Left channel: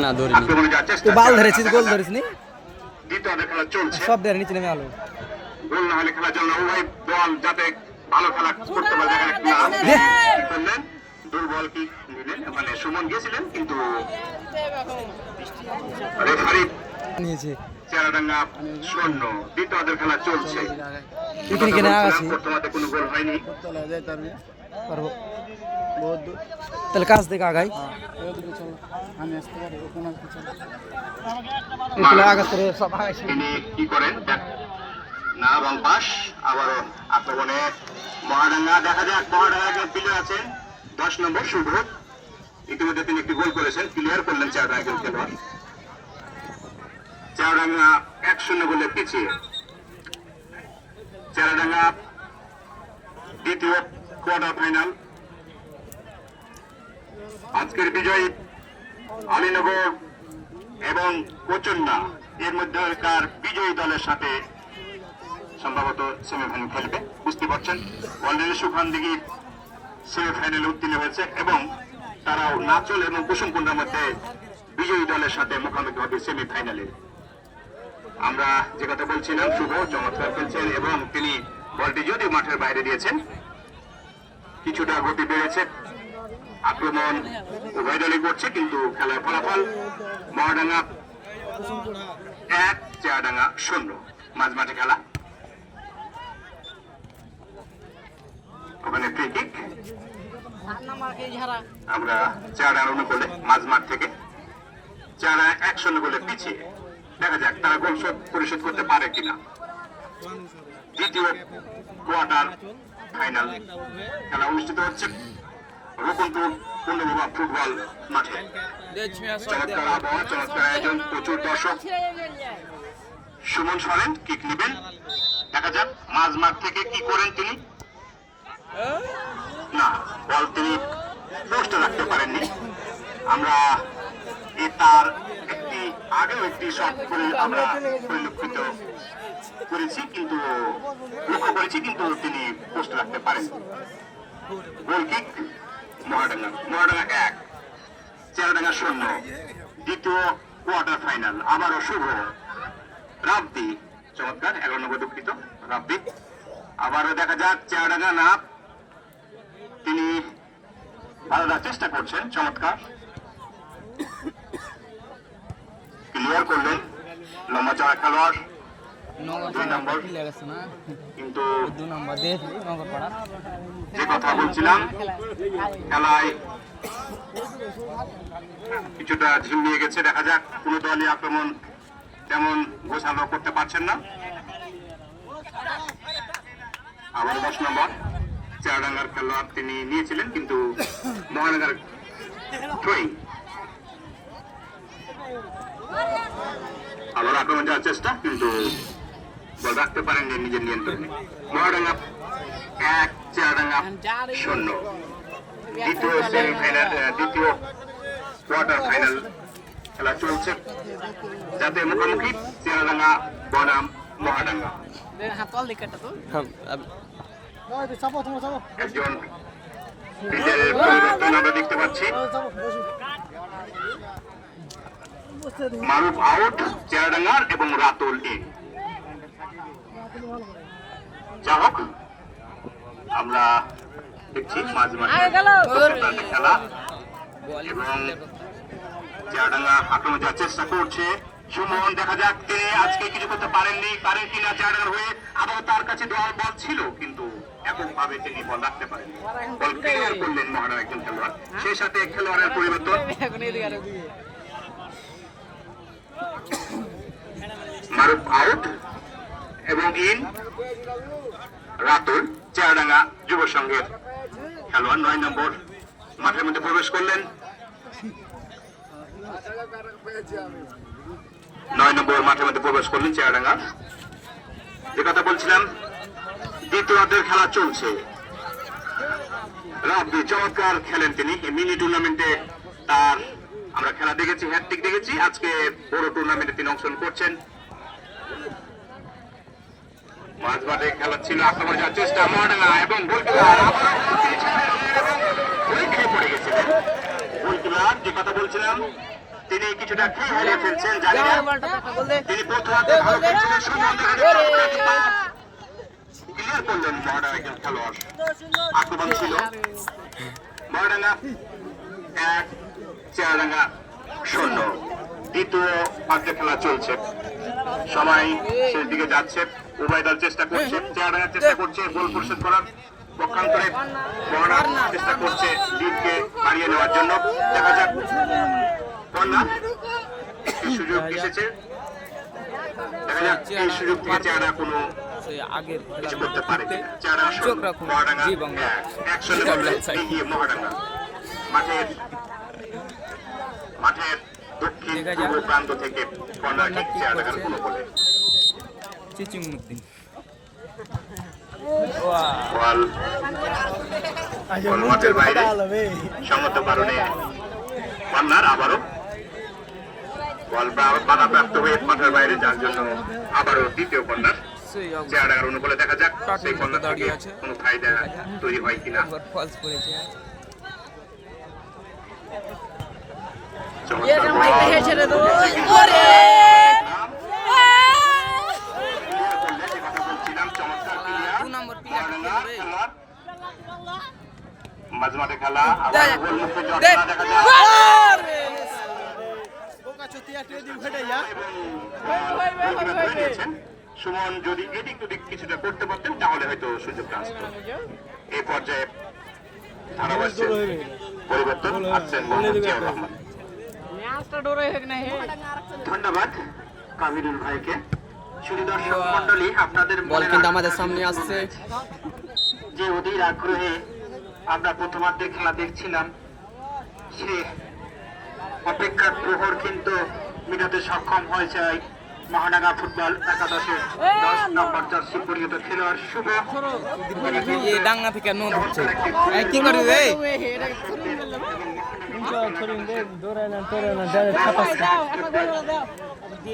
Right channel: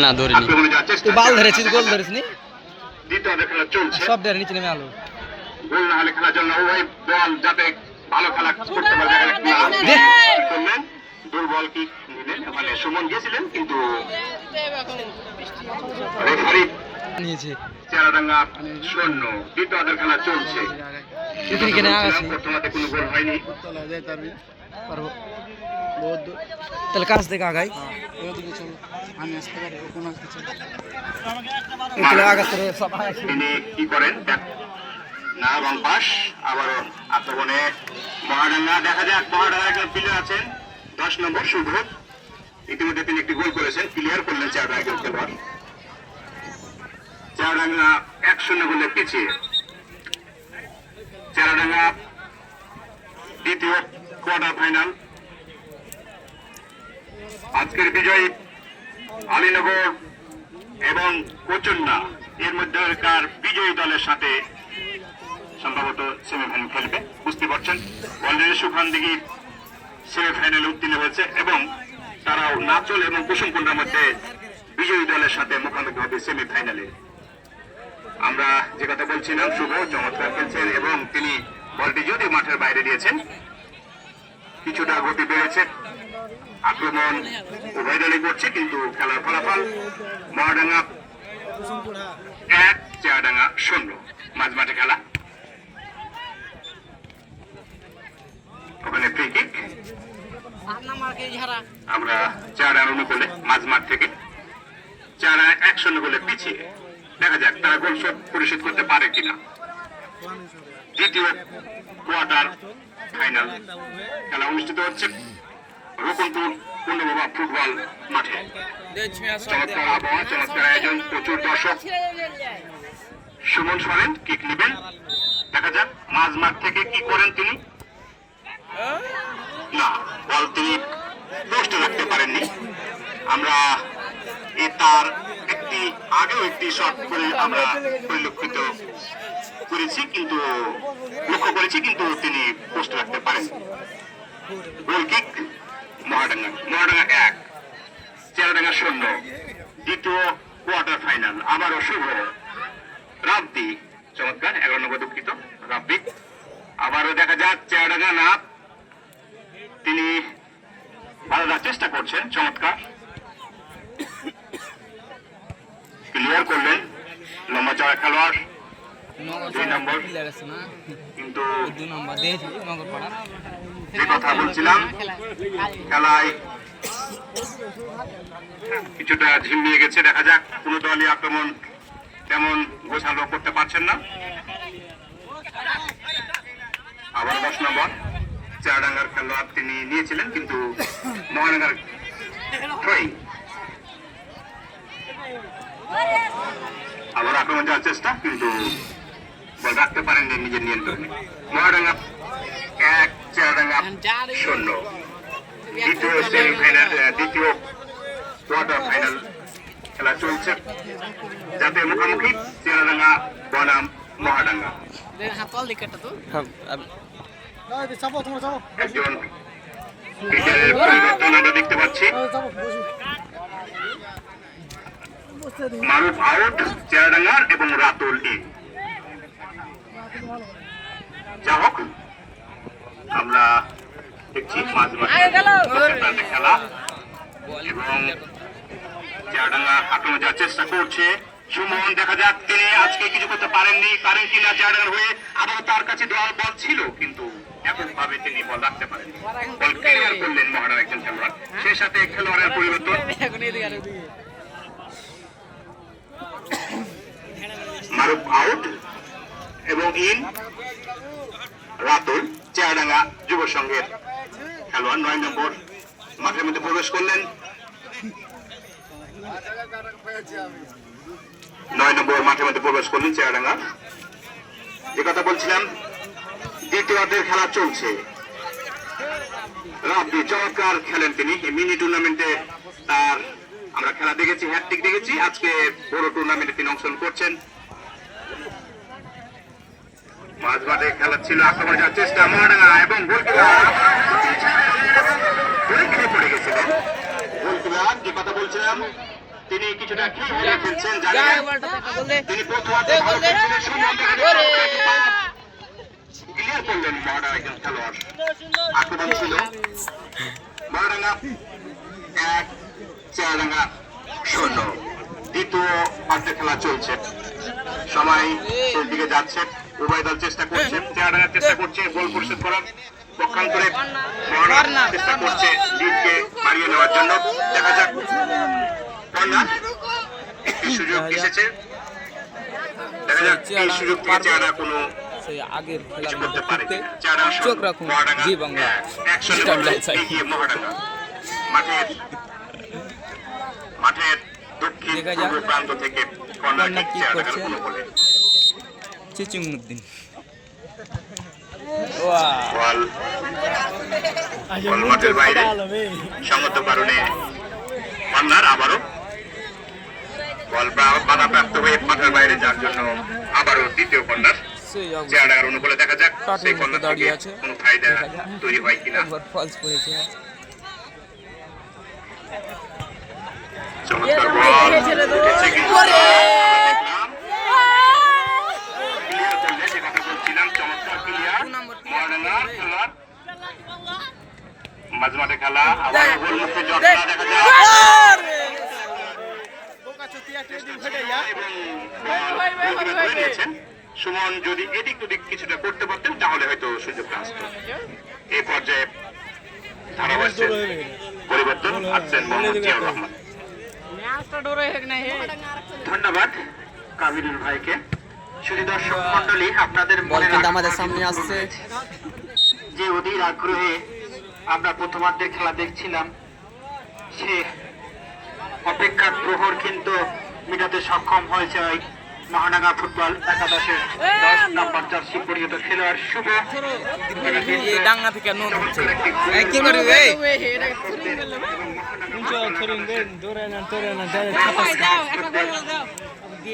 না ধরিনি। তুই বাল ধরেছিস গোল ধরিস নি? দ্বিতীয় অর্ধের খেলা চলছে। সব দেয় নিচে নেমে আলো। গোল না হলে খেলার জন্য উভয় দল যাতে ভালো খেলা করতে পারে দেখা যাক না দে। কি করলেন। দুর্বল কি নিলেন? ওখানে সুমন গিয়েছিলেন কিন্তু রেফারি নিয়েছে। শূন্য। দ্বিতীয় খেলা চলছে। প্রথমাতে কোনো গোল হয়নি। পারব তাহলে কাজ থেকে আগাই। তাহলে আগে করে সব তিনি কি করেন? না রং পাস আবারও আক্রমণে মহাডাঙ্গা দেখা যাক মহাডাঙ্গা একজন প্লেয়ার আছেন দশ নম্বর শুভ ইতিমধ্যে তিনি একটি গোল করেছেন ক্লিয়ার করলেন চারডা একজন খেলোয়াড়। চারডাঙ্গা এক শূন্য গোলে পিছিয়ে। চারডাঙ্গা দ্বিতীয় কোয়ার্টার ফাইনাল আজকের বিজয়ী আলীনগর এবং কোচন্না। এর মধ্যেকার বিজয়ী দলের সাথে সম্ভবত সেমিফাইনাল খেলবে, বুঝতে পারছেন? অলরেডি সুখান দিঘি সেমিফাইনালে উত্তীর্ণ হয়েছে এবং তারাও নাচল এবং কুসুমকুন্ডার মধ্যে বিজয়ী দলের সাথে মুখোমুখি হবে সেমিফাইনালে আমরা যে কথা বলছিলাম, শুভ, চমৎকার খেলছেন এবং তিনি বলটি যদি মাঠের বাইরে দিয়েছেন, কিছুটা গতি বেড়েছে। আক্রমণ উভয় করছে, কিন্তু খেলার ফলাফল মহাডাঙ্গা এক, চেয়ারডাঙ্গা শূন্য। মাঝ মাঠে খেলা। ওখানে ফ্রি কিক আমরা চেয়ারডাঙ্গা অনুকূলে মাঝ মাঠ থেকে। চেয়ারডাঙ্গা এক শূন্য গোলে পিছিয়ে। দেখা যাক তারা গোল শোধ পরিশোধ করতে পারে কিনা। দ্বিতীয় কোয়ার্টার ফাইনাল খেলা অনুষ্ঠিত হচ্ছে। রূপনপুর পূর্ণবাবা ফুটবল মাঠে। চমৎকার আবহাওয়া, চমৎকার আয়োজন, প্রচুর দর্শক। সুমন সরেন কিক নেবেন। দেখা যাক মাঝ মাঠ থেকে কি করেন তিনি। না, বল তিনি পোস্টে রাখতে পারেননি। আমরা এ তার একটি, আগেও একটি শট করে আমরা পরিলক্ষিত করেছি, কিন্তু লক্ষ্য করেছি, কিন্তু তিনি পোস্ট রাখতে পারেন গোল কিক মহাডাঙ্গা মহাডাঙ্গা এক। চেরাডাঙ্গা শূন্য। দ্বিতীয় কোয়ার্টার ফাইনাল আবারও শুভ। রাব্বি চমৎকার এগারো নম্বর দুঃখিত রাব্বি। আবারও দেখা যাক চেরাডাঙ্গা না। তিনি ভালো চেষ্টা করছেন চমৎকার। ক্লিয়ার করলেন লম্বা চড়া খেলোয়াড়। দুই নম্বর। কিন্তু যে কথা বলছিলাম, খেলায় কিছুটা ঝিমিয়ে গেছে। দেখা যাক, কোন দলই আক্রমণ তেমন গোছালো করতে পারছেন না। আবার দশ নম্বর, চারডাঙ্গার খেলোয়াড় তিনি নিয়েছিলেন, কিন্তু মহানগর থ্রোয়িং আবার আক্রমণ দেওয়ার চেষ্টা, কিন্তু রাখতে পারেননি নিজের নিয়ন্ত্রণে মহাডাঙ্গা এক চারডাঙ্গা শূন্য। দ্বিতীয় সেমিফাইনাল দ্বিতীয় কোয়ার্টার ফাইনাল খেলা চলছে। যাতে মুখোমুখি চেরাডাঙ্গা বনাম মহাডাঙ্গা। একজন পরিবর্তন আমরা দেখতে পাচ্ছি। মারুফ আউট চেরাডাঙ্গার এবং রাতুল ইন যা হোক আমরা দেখছি মাঝ মাঠে খেলা এবং চেয়ারডাঙ্গা আক্রমণ যাওয়ার চেষ্টা করছে। সুমন দেখা যাক তিনি আজকে কিছু করতে পারেননি পারেন কিনা চেয়ারডাঙ্গার হয়ে। আবার তার কাছে দেওয়ার বল ছিল কিন্তু এককভাবে তিনি বল রাখতে পারেননি। বল ক্লিয়ার করলেন মহারান একজন খেলোয়াড়। সেই সাথে খেলোয়াড়ের পরিবর্তন। মারুফ আউট এবং ইন রাতুল, চেয়ারডাঙ্গা যুব সংঘের খেলোয়াড়, নয় নম্বর মাঠের মধ্যে প্রবেশ করলেন। নয় নম্বর মাঠের মধ্যে প্রবেশ করলেন চেয়ারডাঙ্গা। যে কথা বলছিলাম, দ্বিতীয় অর্ধের খেলা চলছে। রাব্বি চমৎকার খেলেন তিনি। মিনি টুর্নামেন্টে তার আমরা খেলা দেখেছি হ্যাট্রিক দেখেছি। আজকে বড় টুর্নামেন্টে তিনি অংশগ্রহণ করছেন। মাঝ মাঠে খেলা ছিল আক্রমণ যাওয়ার চেষ্টা মহাডাঙ্গা এবং পরীক্ষায় পড়ে গেছিলেন। গোলকিপার, যে কথা বলছিলাম, তিনি কিছুটা কি হারিয়ে ফেলছেন জানি না। তিনি ক্লিয়ার করলেন মহাডা একজন খেলোয়াড়। আক্রমণ ছিল। মহাডাঙ্গা এক চেয়ারডাঙ্গা শূন্য। দ্বিতীয় পাত্রে খেলা চলছে। সবাই শেষ দিকে যাচ্ছে। উভয় চেষ্টা করছে চেয়ারডাঙ্গার চেষ্টা করছে গোল পরিশোধ করার পক্ষান্তরে চেষ্টা করছে লিডকে বাড়িয়ে নেওয়ার জন্য। দেখা যাক। সুযোগ এসেছে। দেখা যাক এই সুযোগ থেকে চেয়ারা কোনো সেই আগের চোখ রাখুন জি বাংলা। মাঠের মাঠের দক্ষিণ পূর্ব প্রান্ত থেকে কর্নার কিক কিক চেয়ারা কোনো বলে। বল মাঠের বাইরে। সঙ্গত কারণে কর্নার আবারও বল বাধাপ্রাপ্ত হয়ে মাঠের বাইরে যার জন্য আবারও দ্বিতীয় কর্নার সেই অনুকূলে দেখা যাক সেই থেকে। কোনো ফায়দা তৈরি হয় কিনা। চমৎকার। বল উঠেছে কিন্তু। ক্লিয়ার করলে যে কথা বলছিলাম চমৎকার ক্লিয়ার মহারানা খেলার মাঝমাঠে খেলা আবার গোল মুখে জটলা দেখা যায় এবং গোলকিপার ধরে নিয়েছেন সুমন যদি এদিক ওদিক কিছুটা করতে পারতেন তাহলে হয়তো সুযোগটা আসতো। এই পর্যায়ে ধারাভাষ্যের পরিবর্তন আসছেন মোহাম্মদ জিয়াউর রহমান। ধন্যবাদ কাবিরুল ভাইকে। শুধু দর্শক মন্ডলী আপনাদের বল কিন্তু আমাদের সামনে আসছে। যে অধীর আগ্রহে আমরা প্রথমার্ধের খেলা দেখছিলাম সে অপেক্ষার প্রহর কিন্তু মেটাতে সক্ষম হয়েছে ওই মহানাগা ফুটবল একাদশের দশ নম্বর জার্সি পরিহিত খেলোয়াড় শুভ। ডাঙ্গা থেকে নুন হচ্ছে। কি করি রে?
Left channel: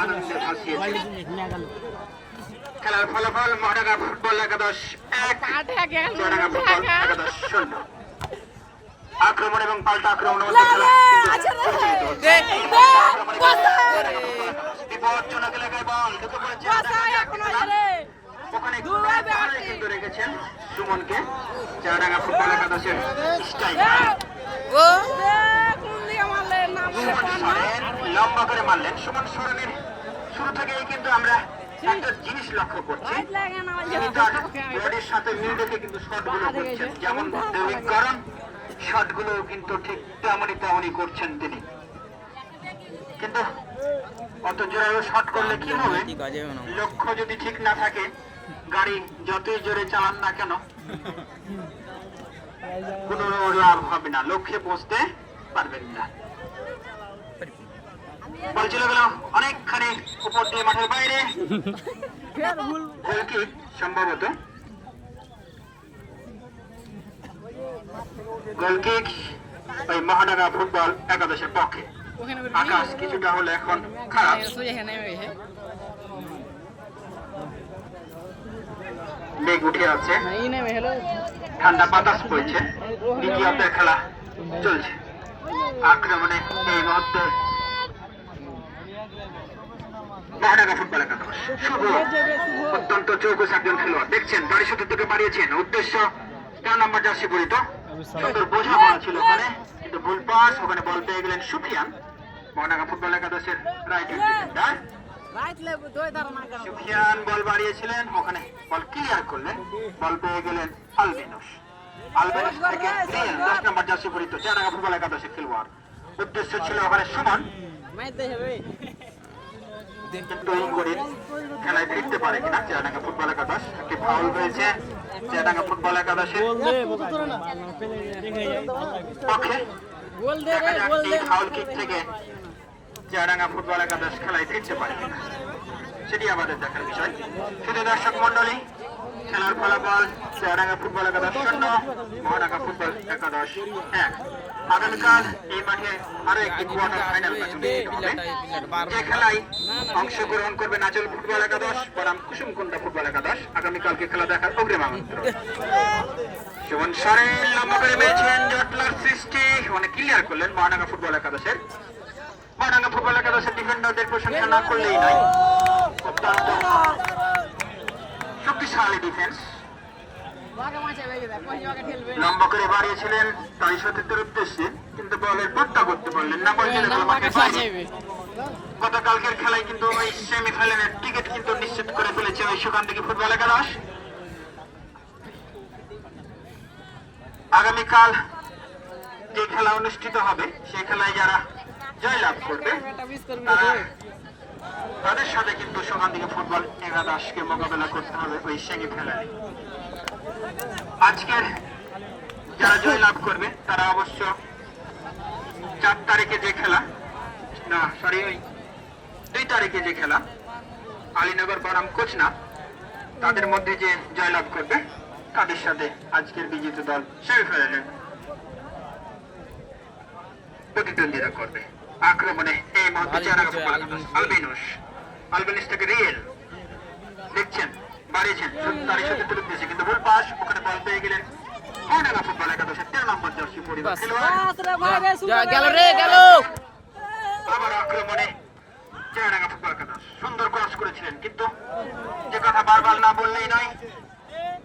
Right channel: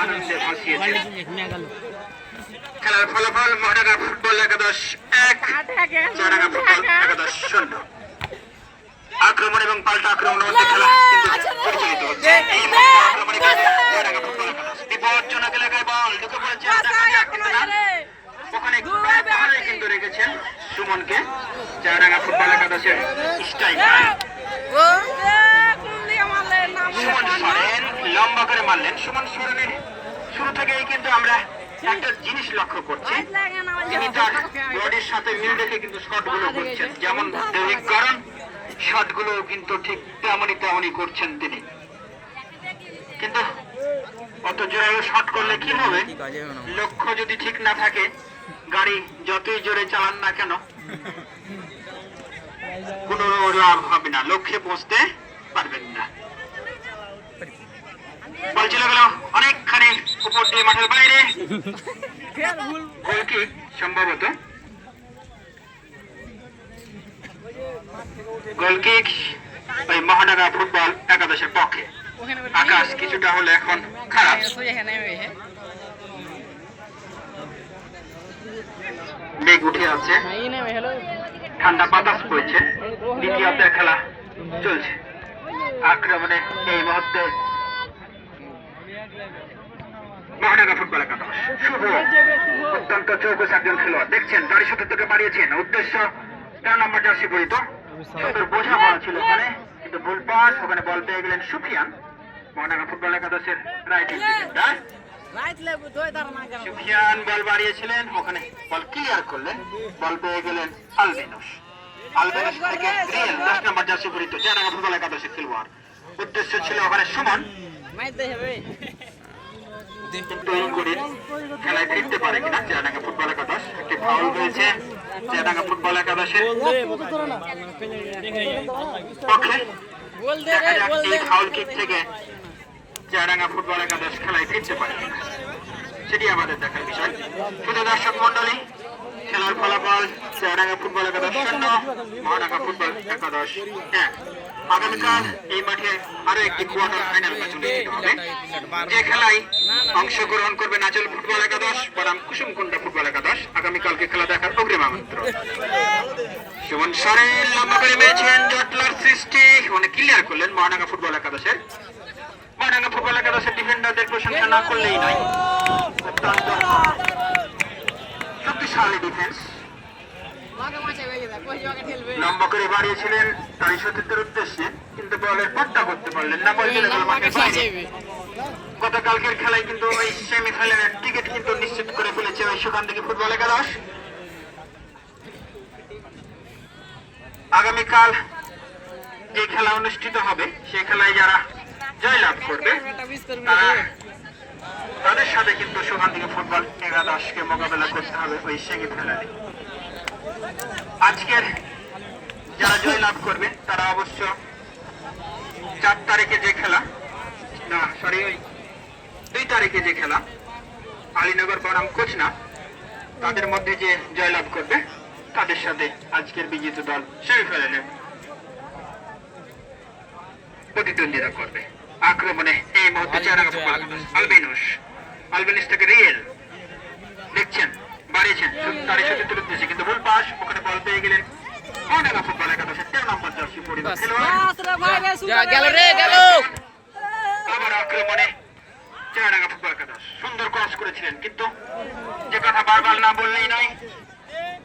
আনন্দে খেলার ফলাফল মহানাগা ফুটবল একাদশ এক চুয়াডাঙ্গা ফুটবল একাদশ শূন্য। আক্রমণ এবং পাল্টা আক্রমণের মধ্যে খেলা বিপজ্জনক এলাকায় বল ঢুকে পড়েছে কিন্তু না ওখানে পাহাড়ে কিন্তু রেখেছেন সুমনকে। চুয়াডাঙ্গা ফুটবল একাদশের স্ট্রাইকার সুমন সরেন, লম্বা করে মারলেন। সুমন সরেনের শুরু থেকেই কিন্তু আমরা একটা জিনিস লক্ষ্য করছি। তিনি তার বডির সাথে মিল রেখে কিন্তু করছেন। যেমন কিন্তু ঠিক তেমনই তেমনই করছেন তিনি। কিন্তু অত জোরে শট করলে কি হবে? লক্ষ্য যদি ঠিক না থাকে, গাড়ি যতই জোরে চালান না কেন, কোনো লাভ হবে না। লক্ষ্যে পৌঁছতে পারবেন না। বল গেল অনেকখানি উপর দিয়ে মাঠের বাইরে। সম্ভবত? গোলকিক ওই ফুটবল একাদশের পক্ষে? আকাশ কিছুটা হলে এখন খারাপ। উঠে আছে। ঠান্ডা বাতাস বইছে। দ্বিতীয়ার্ধের খেলা চলছে। আক্রমণে এই মুহূর্তে মহানাগা ফুটবল একাদশ শুভ অত্যন্ত চৌকুস একজন খেলোয়াড়। দেখছেন, দাড়ি সত্তর থেকে বাড়িয়েছেন। উদ্দেশ্য তেরো নম্বর জার্সি পরিত সুন্দর বোঝা বলা ছিল ওখানে, কিন্তু ভুল পাস, ওখানে বল পেয়ে গেলেন সুফিয়ান। মহানাগা ফুটবল একাদশের রাইট ডিফেন্ডার সুফিয়ান বল বাড়িয়েছিলেন, ওখানে বল ক্লিয়ার করলেন। বল পেয়ে গেলেন আলবেনুস আলবেনুস থেকে রিয়েল দশ নম্বর জার্সি পরিত জানাগা ফুটবল একাদশের খেলোয়াড়। উদ্দেশ্য ছিল ওখানে সুমন। এই করে খেলায় ফিরতে পারে কিনা চেয়ারডাঙ্গা ফুটবল একাদশ, একটি ফাউল হয়েছে। চেয়ারডাঙ্গা ফুটবল একাদশের পক্ষে দেখা যাক এই ফাউল কিক থেকে চেয়ারডাঙ্গা ফুটবল একাদশ খেলায় ফিরতে পারে কিনা। সেটি আমাদের দেখার বিষয়। শুধু দর্শক মন্ডলী খেলার ফলাফল চেয়ারডাঙ্গা ফুটবল একাদশ শূন্য মহাডাঙ্গা ফুটবল একাদশ এক। আগামীকাল এই মাঠে আরও একটি কোয়ার্টার ফাইনাল ম্যাচ অনুষ্ঠিত হবে। যে খেলায় অংশগ্রহণ করবে নাচল ফুটবল একাদশ, বনাম কুসুমকুন্ডা ফুটবল একাদশ। আগামীকালকে খেলা দেখার অগ্রিম আমন্ত্রণ। সুমন সরেন লম্বা করে মেরেছেন জটলার সৃষ্টি। মানে ক্লিয়ার করলেন মহানাগা ফুটবল একাদশের। মারাঙ্গা ফুটবল একাদশের ডিফেন্ডারদের প্রশংসা না করলেই অত্যন্ত শক্তিশালী ডিফেন্স বাড়িয়েছিলেন, তাই সতীর্থের উদ্দেশ্যে কিন্তু করতে পারলেন না গতকালকের খেলায় কিন্তু ওই সেমিফাইনালের টিকিট কিন্তু নিশ্চিত করে ফেলেছে ওই সুখান থেকে ফুটবল একাদশ আগামীকাল যে খেলা অনুষ্ঠিত হবে সেই খেলায় যারা জয়লাভ করবে, তারা তাদের সাথে কিন্তু সেখান থেকে ফুটবল একাদশকে মোকাবেলা করতে হবে ওই সেমিফাইনালে। আজকের যারা জয়লাভ করবে, তারা অবশ্য চার তারিখে যে খেলা, না সরি ওই দুই তারিখে যে খেলা, আলীনগর বনাম কোচনা তাদের মধ্যে যে জয়লাভ করবে, তাদের সাথে আজকের বিজেত দল সেমিফাইনালে প্রতিদ্বন্দ্বিতা করবে। আক্রমণে এই মুহূর্তে চারা আলবেনুস আলবেনুস থেকে রিয়েল দেখছেন বাড়িয়েছেন তারই সাথে তুলে দিয়েছে কিন্তু ভুল পাস ওখানে বল পেয়ে গেলেন অনেক ফুটবল একাদশের তেরো নম্বর জার্সি পরিবার খেলোয়াড় গেল রে গেল আবার আক্রমণে চেহারাঙ্গা ফুটবল একাদশ সুন্দর ক্রস করেছিলেন কিন্তু যে কথা বারবার না বললেই নয়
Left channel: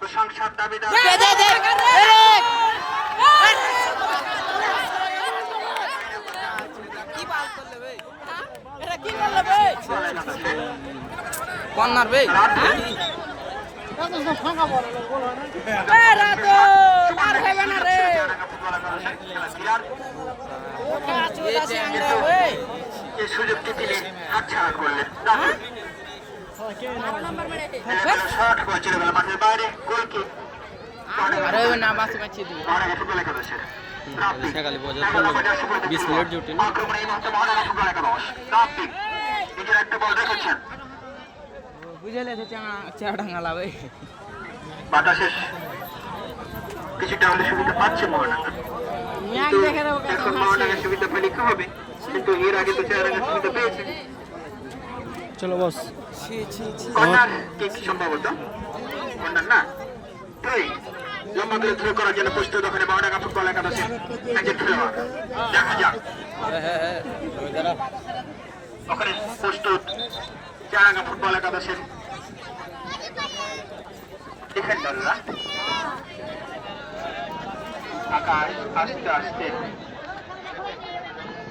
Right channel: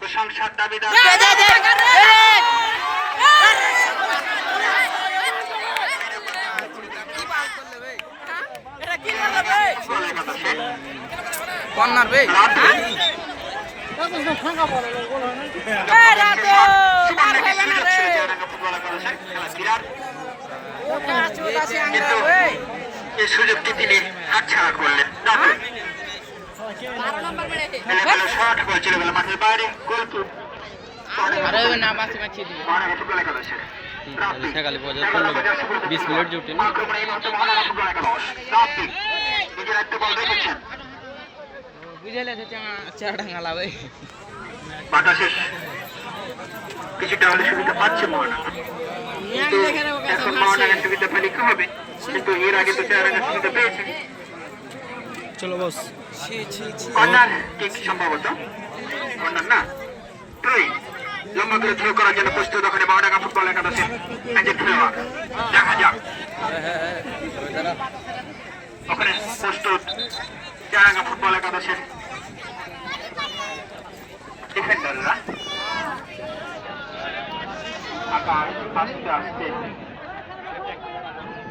প্রশংসার দাবিদার বে এই সুযোগটি তিনি হাতছাড়া করলেন। এলোমেলো শট গেল মাঠের বাইরে গোলকিপ আরে ওই নাম সকালে বাজার এগারো করল। নম্বর জার্সি পরে বিশ মিনিট বাতাসের কিছুটা হলে সুবিধা পাচ্ছে কিন্তু এখন মহানগর সুবিধা পেলে কি হবে কিন্তু এর আগে তো চেহারাঙ্গা সুবিধা পেয়েছে চলো বস কর্নার কিক সম্ভবত কর্নার না থ্রোই লম্বা করে থ্রো করার জন্য প্রস্তুত ওখানে মহানগর ফুটবল একাদশের একজন খেলোয়াড় দেখা যাক। ওখানে প্রস্তুত চেহারাঙ্গা ফুটবল একাদশের ডিফেন্ডাররা আকাশ আস্তে আস্তে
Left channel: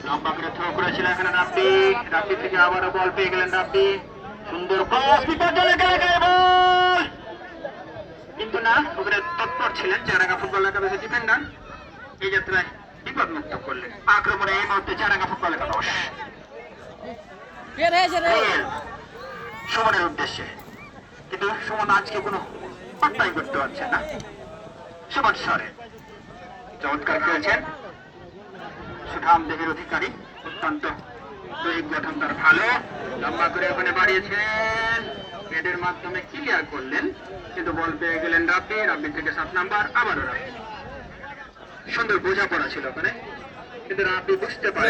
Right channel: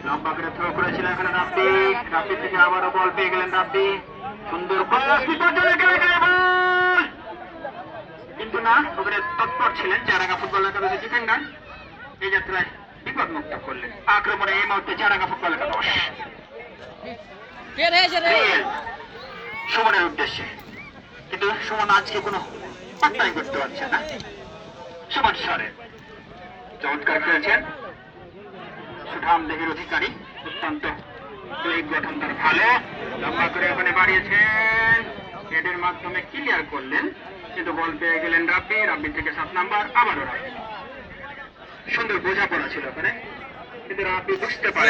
লম্বা করে থ্রো করেছিলেন এখানে রাব্বি। রাব্বি থেকে আবারও বল পেয়ে গেলেন রাব্বি। সুন্দর ক্রস বিপজ্জনক এলাকায় বল তৎপর ছিলেন চারাঙ্গা ফুটবল একাদশের ডিফেন্ডার এই যাত্রায় বিপদ মুক্ত করলেন। আক্রমণে এই মুহূর্তে চারাঙ্গা ফুটবল একাদশ সুমনের উদ্দেশ্যে। কিন্তু সুমন আজকে কোনো পাত্তাই করতে পারছে না। সুমন সরে। চমৎকার খেলছেন। সুঠাম দেহের অধিকারী অত্যন্ত দৈহিক গঠন তার ভালো। লম্বা করে ওখানে বাড়িয়েছেন। হেডের মাধ্যমে ক্লিয়ার করলেন, কিন্তু বল পেয়ে গেলেন রাব্বি রাব্বি থেকে সাত নাম্বার, আবারও রাব্বি। সুন্দর বোঝাপড়া ছিল ওখানে, কিন্তু রাব্বি বুঝতে পারে